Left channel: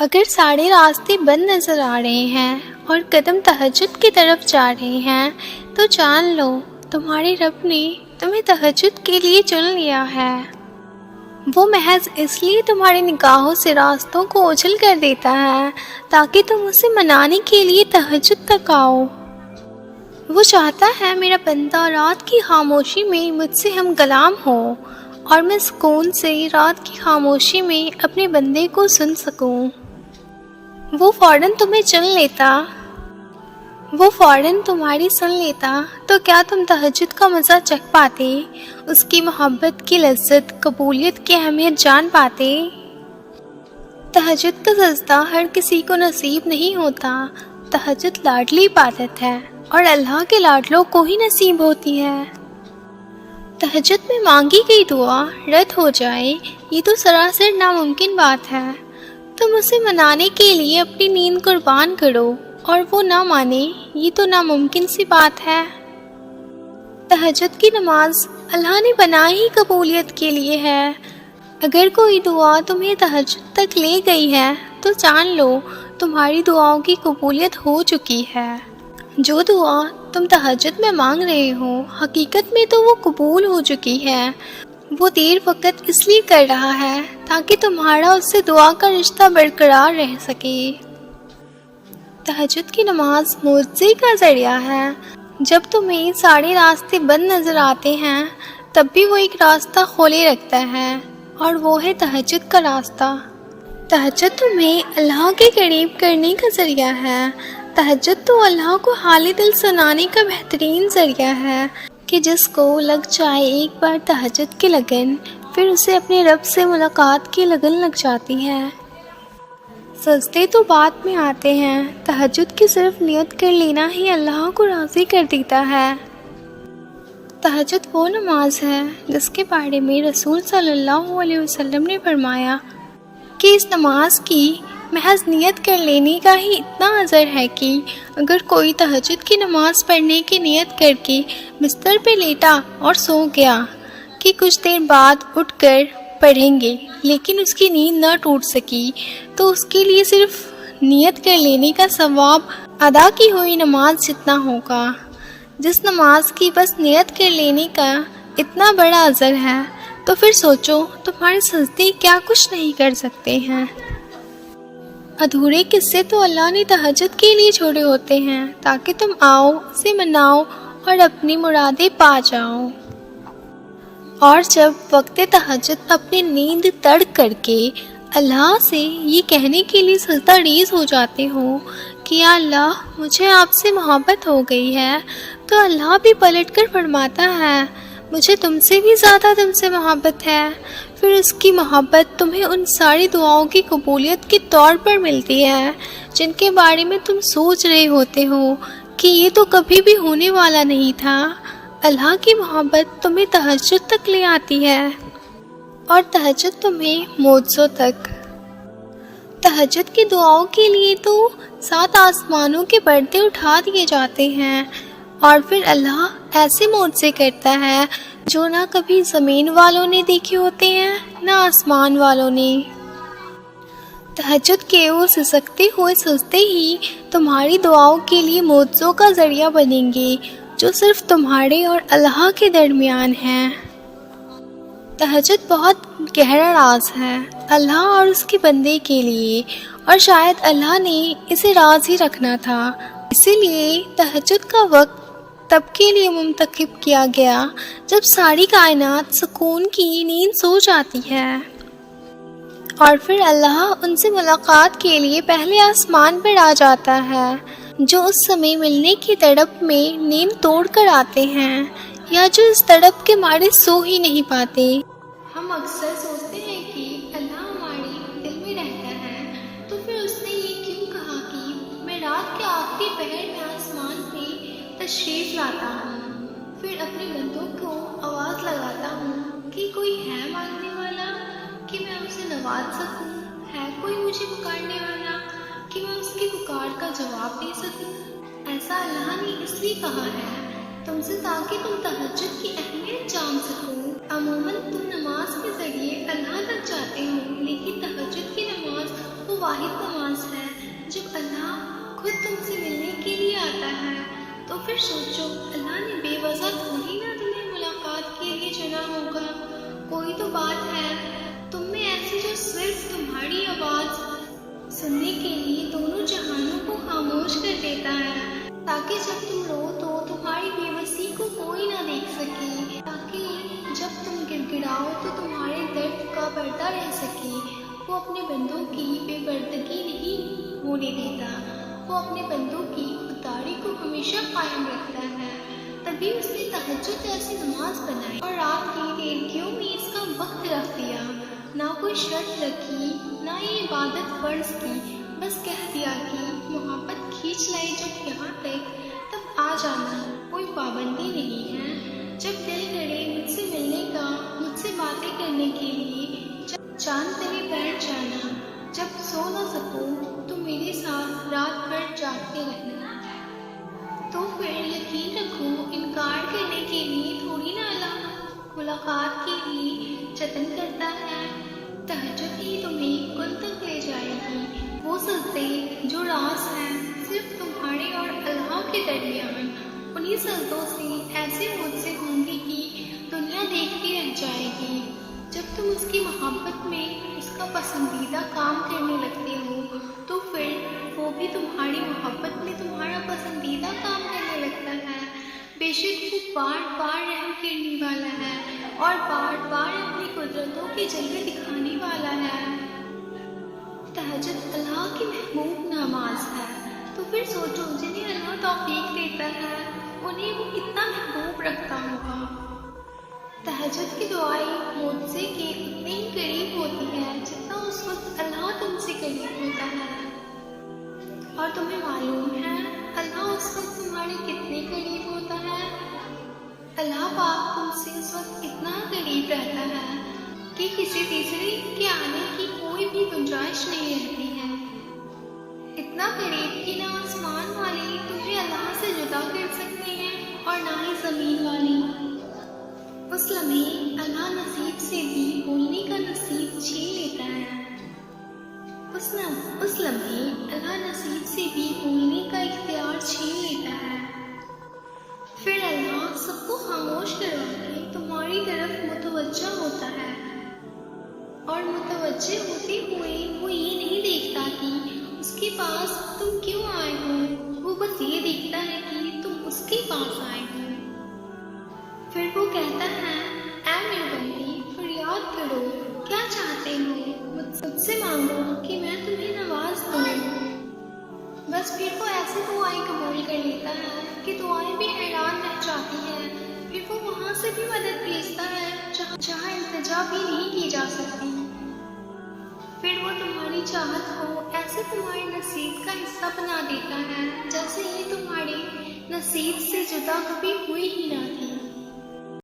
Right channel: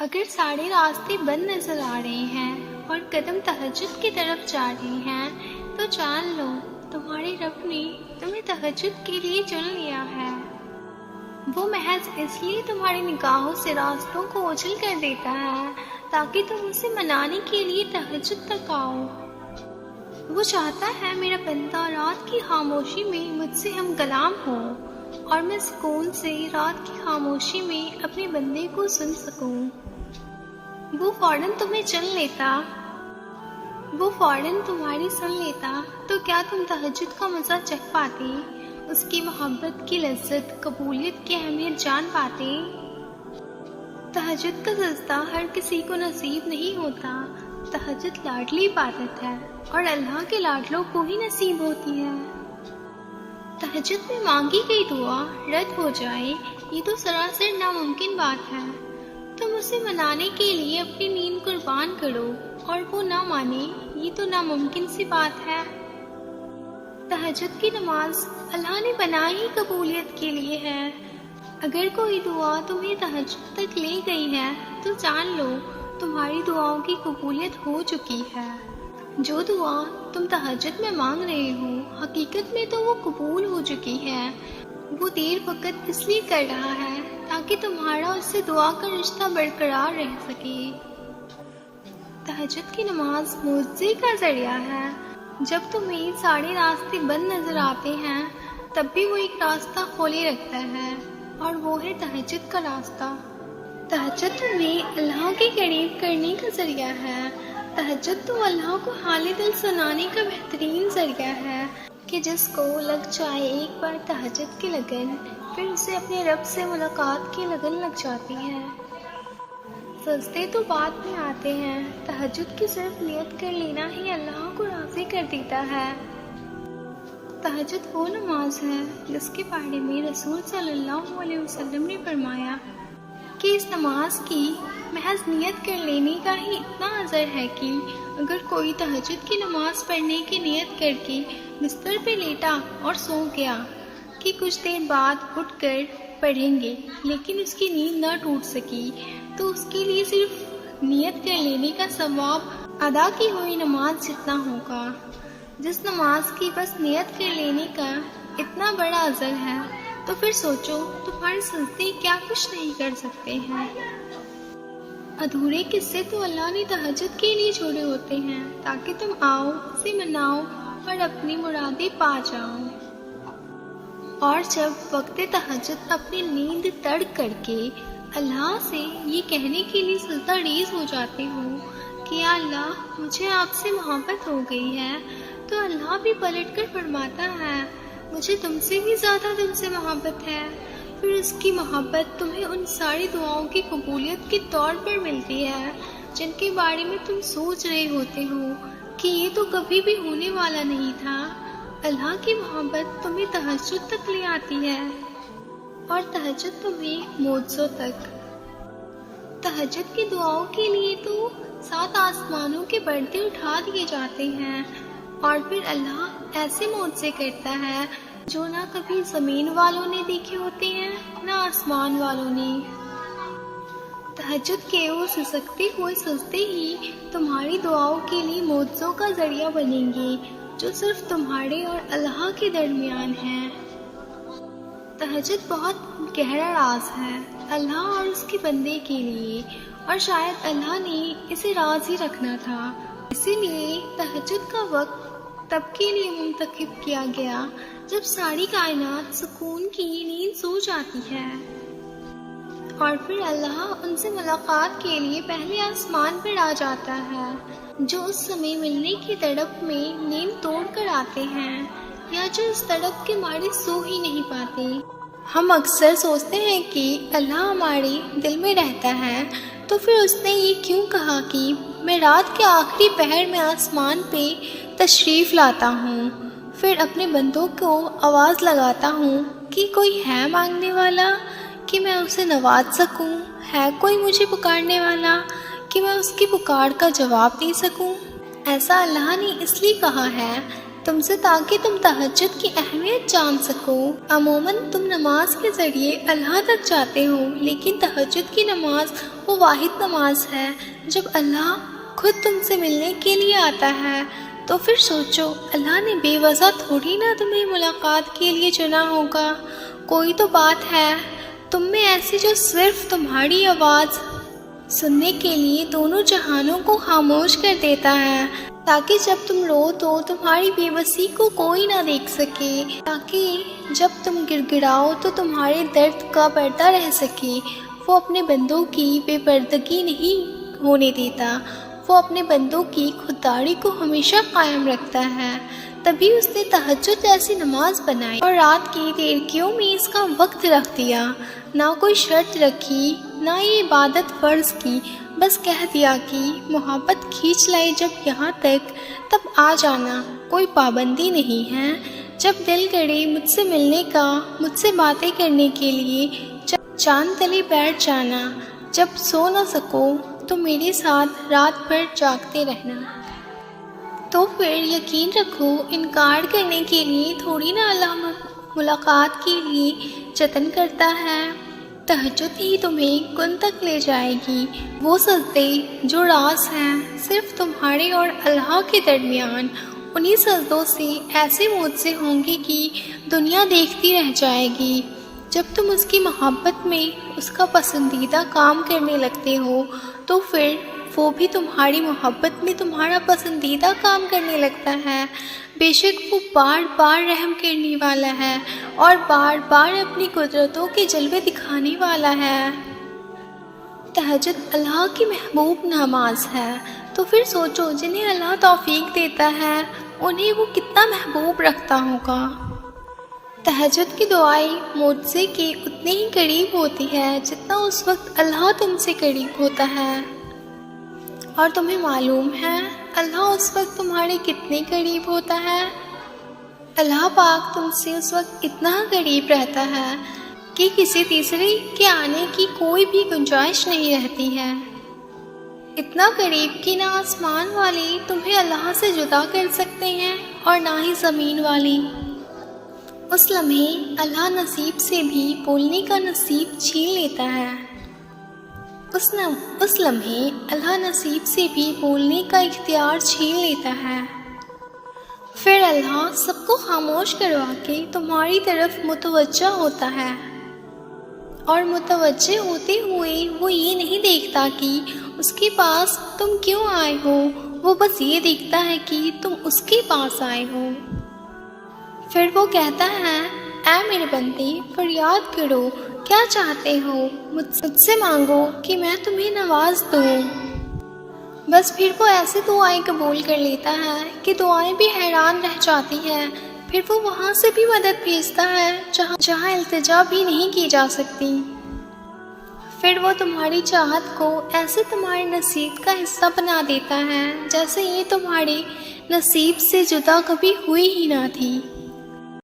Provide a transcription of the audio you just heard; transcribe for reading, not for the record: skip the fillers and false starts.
اگر سارے راستے بند نظر آ رہے ہیں اور قدم تہجد کی طرف جا رہے ہیں تو جان لو تمہارے رب نے تمہیں تہجد کے لیے چن لیا ہے۔ وہ محض اس لیے تمہاری نگاہوں سے راستوں کو اوجھل کر دیتا ہے تاکہ تم اسے منانے کے لیے تہجد تک آؤ۔ وہ چاہتا ہے میرا بندہ رات کی خاموشی میں مجھ سے ہم کلام ہو اور میں سکون سے رات کی خاموشی میں اپنے بندے کو سن سکوں۔ وہ فوراً تمہیں چن لیتا، وہ فوراً تمہاری سن لیتا تو کیا تم تہجد کا مزہ چکھ پاتے، اس کی محبت کی لذت، قبولیت کی اہمیت جان پاتے؟ تہجد کا سجدہ ہر کسی کو نصیب نہیں ہوتا۔ تہجد لاڈلی عبادت ہے اور اللہ کے لاڈلوں کو ہی نصیب ہوتی ہے۔ تہجد میں مانگی گئی دعا رد ہو جائے یہ تو سراسر ناممکن بات ہے۔ تم اسے منانے کے لیے اپنی نیند قربان کرو اور وہ نہ مانے یہ تو ناممکن سی بات ہے۔ تہجد کی نماز اللہ نے بنائی ہی قبولیت کے لیے ہے۔ اگر کوئی دعا تمہیں تہجد تک لے گئی ہے تو جان لو تمہاری دعاؤں کی قبولیت ہو چکی ہے۔ جو دعا تم تہجد میں مانگ رہے ہو حقیقت میں تو وہ قبول ہو چکی ہے۔ وہ دیر وقت اس لیے کر رہا ہے تاکہ تمہارا اس سے دعا کا رشتہ برقرار رہ سکے۔ تہجد کی نماز معجزے کا ذریعہ ہے۔ جب تمہیں سارے راستے بند نظر آتے ہیں تب بھی وہ ایک راستہ کھولے رکھتا ہے اور وہ ہے تہجد کا راستہ۔ تہجد تمہیں اللہ کے قریب کرنے کا ذریعہ ہے۔ تہجد تو اللہ کو حال دل سنانے کا بہترین ذریعہ ہے کہ جس کو لگ جائے ایک بار تہجد کی لگن پھر اسے اپنے رب سے ملاقات کی لگن لگ جاتی ہے۔ سجدے تو بعد میں آتے ہیں، تہجد کی صرف نیت کر لینا ہی اللہ کو راضی کر دیتا ہے۔ تہجد وہ نماز ہے جس کے بارے میں رسول صلی اللہ علیہ وسلم نے فرمایا کہ اس نماز کی محض نیت کر لینے کا ہی اتنا اثر ہے کہ اگر کوئی تہجد کی نماز پڑھنے کی نیت کر کے بستر پہ لیٹا اور سو گیا کہ کچھ دیر بعد اٹھ کر پڑھیں گے لیکن اس کی نیند نہ ٹوٹ سکی تو اس کے لیے صرف نیت کر لینے کا ثواب ادا کی ہوئی نماز جتنا ہوگا۔ جس نماز کی بس نیت کر لینے کا اتنا بڑا اثر ہے تو پھر سوچو تمہارے سجدے کیا کچھ نہیں کر سکتے ہیں۔ ادھورے قصے تو اللہ نے تہجد کے لیے چھوڑے ہوتے ہیں تاکہ تم آؤ، اسے مناؤ اور اپنی مرادیں پا جاؤ۔ اور جب وقت تہجد اپنی نیند ترک کر کے اللہ سے یہ کہنے کے لیے سجدہ ریز ہو جاتے ہو کہ یا اللہ مجھے آپ سے محبت ہو گئی ہے تو اللہ بھی پلٹ کر فرماتا ہے مجھے تم سے بھی زیادہ تم سے محبت ہے۔ پھر اس کی محبت تمہیں ان ساری دعاؤں کی قبولیت کے طور پر ملتی ہے جن کے بارے میں تم سوچ رہے ہوتے ہو کہ یہ تو کبھی بھی ہونے والا نہیں تھا۔ اللہ کی محبت تمہیں تہجد تک لے آتی ہے اور تہجد تمہیں معجزوں تک۔ تہجد کی دعاؤں کے لیے تو 7 آسمانوں کے پردے اٹھا دیے جاتے ہیں اور پھر اللہ ایسے معجزے کرتا ہے جو نہ کبھی زمین والوں نے دیکھے ہوتے ہیں نہ آسمان والوں نے۔ تہجد کے وہ سسکتے ہوئے سجدے ہی تمہاری دعاؤں کے لیے معجزوں کا ذریعہ بنیں گے جو صرف تمہارے اور اللہ کے درمیان ہیں۔ تہجد بہت گہرا راز ہے اللہ اور اس کے بندے کے لیے، اور شاید اللہ نے اسے راز ہی رکھنا تھا، اسی لیے تہجد کا وقت تب کے لیے منتخب کیا گیا جب ساری کائنات سکون کی نیند سو جاتی ہے، اور پھر اللہ ان سے ملاقات کے لیے پہلے آسمان پر آ جاتا ہے جو اس سمے ملنے کی تڑپ میں نیند توڑ کر آتے ہیں یا جو اس تڑپ کے مارے سو ہی نہیں پاتے۔ ہم اکثر سوچتے ہیں کہ اللہ ہمارے دل میں رہتا ہے تو پھر اس نے یہ کیوں کہا کہ میں رات کے آخری پہر میں آسمان پہ تشریف لاتا ہوں، پھر اپنے بندوں کو آواز لگاتا ہوں کہ کوئی ہے مانگنے والا کہ میں اسے نواز سکوں، ہے کوئی مجھے پکارنے والا کہ میں اس کی پکار کا جواب دے سکوں۔ ایسا اللہ نے اس لیے کہا ہے تم سے تاکہ تم تہجد کی اہمیت جان سکو۔ عموماً تم نماز کے ذریعے اللہ تک جاتے ہو، لیکن تہجد کی نماز وہ واحد نماز ہے جب اللہ خود تم سے ملنے کے لیے آتا ہے۔ تو پھر سوچو، اللہ نے بے وجہ تھوڑی نہ تمہیں ملاقات کے لیے چنا ہوگا۔ کوئی تو بات ہے تم میں ایسی جو صرف تمہاری آواز سننے کے لیے دونوں جہانوں کو خاموش کر دیتا ہے، تاکہ جب تم رو تو تمہاری بے بسی کو کوئی نہ دیکھ سکے، تاکہ جب تم گڑ گڑاؤ تو تمہارے درد کا پردہ رہ سکے۔ وہ اپنے بندوں کی بے پردگی نہیں ہونے دیتا، وہ اپنے بندوں کی خودداری کو ہمیشہ قائم رکھتا ہے۔ تبھی اس نے تہجد جیسی نماز بنائی اور رات کی دیرکیوں میں اس کا وقت رکھ دیا۔ نہ کوئی شرط رکھی، نہ یہ عبادت فرض کی، بس کہہ دیا کہ محبت کھینچ لائے جب یہاں تک تب آ جانا، کوئی پابندی نہیں ہے۔ جب دل کرے مجھ سے ملنے کا، مجھ سے باتیں کرنے کے لیے چاند تلے بیٹھ جانا، جب سو نہ سکو تو میرے ساتھ رات بھر جاگتے رہنا۔ تو پھر یقین رکھو، انکار کرنے کے لیے تھوڑی نہ اللہ ملاقات کے لیے جتن کرتا ہے۔ تہجد ہی تمہیں کن تک لے جائے گی۔ وہ سجدے جو راز ہیں صرف تمہارے اور اللہ کے درمیان، انہی سجدوں سے ایسے معجزے ہوں گے کہ دنیا دیکھتی رہ جائے گی۔ جب تم اس کی محبت میں اس کا پسندیدہ کام کرنے لگتے ہو تو پھر وہ بھی تمہاری محبت میں تمہارا پسندیدہ کام کرنے لگتا ہے۔ بے شک وہ بار بار رحم کرنے والا ہے اور بار بار اپنی قدرتوں کے جلوے دکھانے والا ہے۔ تہجد اللہ کی محبوب نماز ہے، تو پھر سوچو جنہیں اللہ توفیق دیتا ہے انہیں وہ کتنا محبوب رکھتا ہوگا۔ تہجد کی دعائیں معجزے کے اتنے ہی قریب ہوتی ہے جتنا اس وقت اللہ تم سے قریب ہوتا ہے۔ اور تمہیں معلوم ہے اللہ اس وقت تمہارے کتنے قریب ہوتا ہے؟ اللہ پاک تم سے اس وقت اتنا قریب رہتا ہے کہ کسی تیسرے کے آنے کی کوئی بھی گنجائش نہیں رہتی ہے۔ اتنا قریب کہ نہ آسمان والے تمہیں اللہ سے جدا کر سکتے ہیں اور نہ ہی زمین والی۔ اس لمحے اللہ نصیب سے بھی بولنے کا نصیب چھین لیتا ہے۔ اس لمحے اللہ نصیب سے بھی بولنے کا اختیار چھین لیتا ہے۔ پھر اللہ سب کو خاموش کروا کے تمہاری طرف متوجہ ہوتا ہے، اور متوجہ ہوتے ہوئے وہ یہ نہیں دیکھتا کہ اس کے پاس تم کیوں آئے ہو، وہ بس یہ دیکھتا ہے کہ تم اس کے پاس آئے ہو۔ پھر وہ کہتا ہے، اے میرے بندے فریاد کرو، کیا چاہتے ہو، مجھ سے مانگو کہ میں تمہیں نواز دوں۔ بس پھر وہ ایسے دعائیں قبول کر لیتا ہے کہ دعائیں بھی حیران رہ جاتی ہے۔ پھر وہ وہاں سے بھی مدد بھیجتا ہے جہاں التجا بھی نہیں کی جا سکتی۔ پھر وہ تمہاری چاہت کو ایسے تمہارے نصیب کا حصہ بنا دیتا ہے جیسے یہ تمہارے نصیب سے جدا کبھی ہوئی ہی نہ تھی۔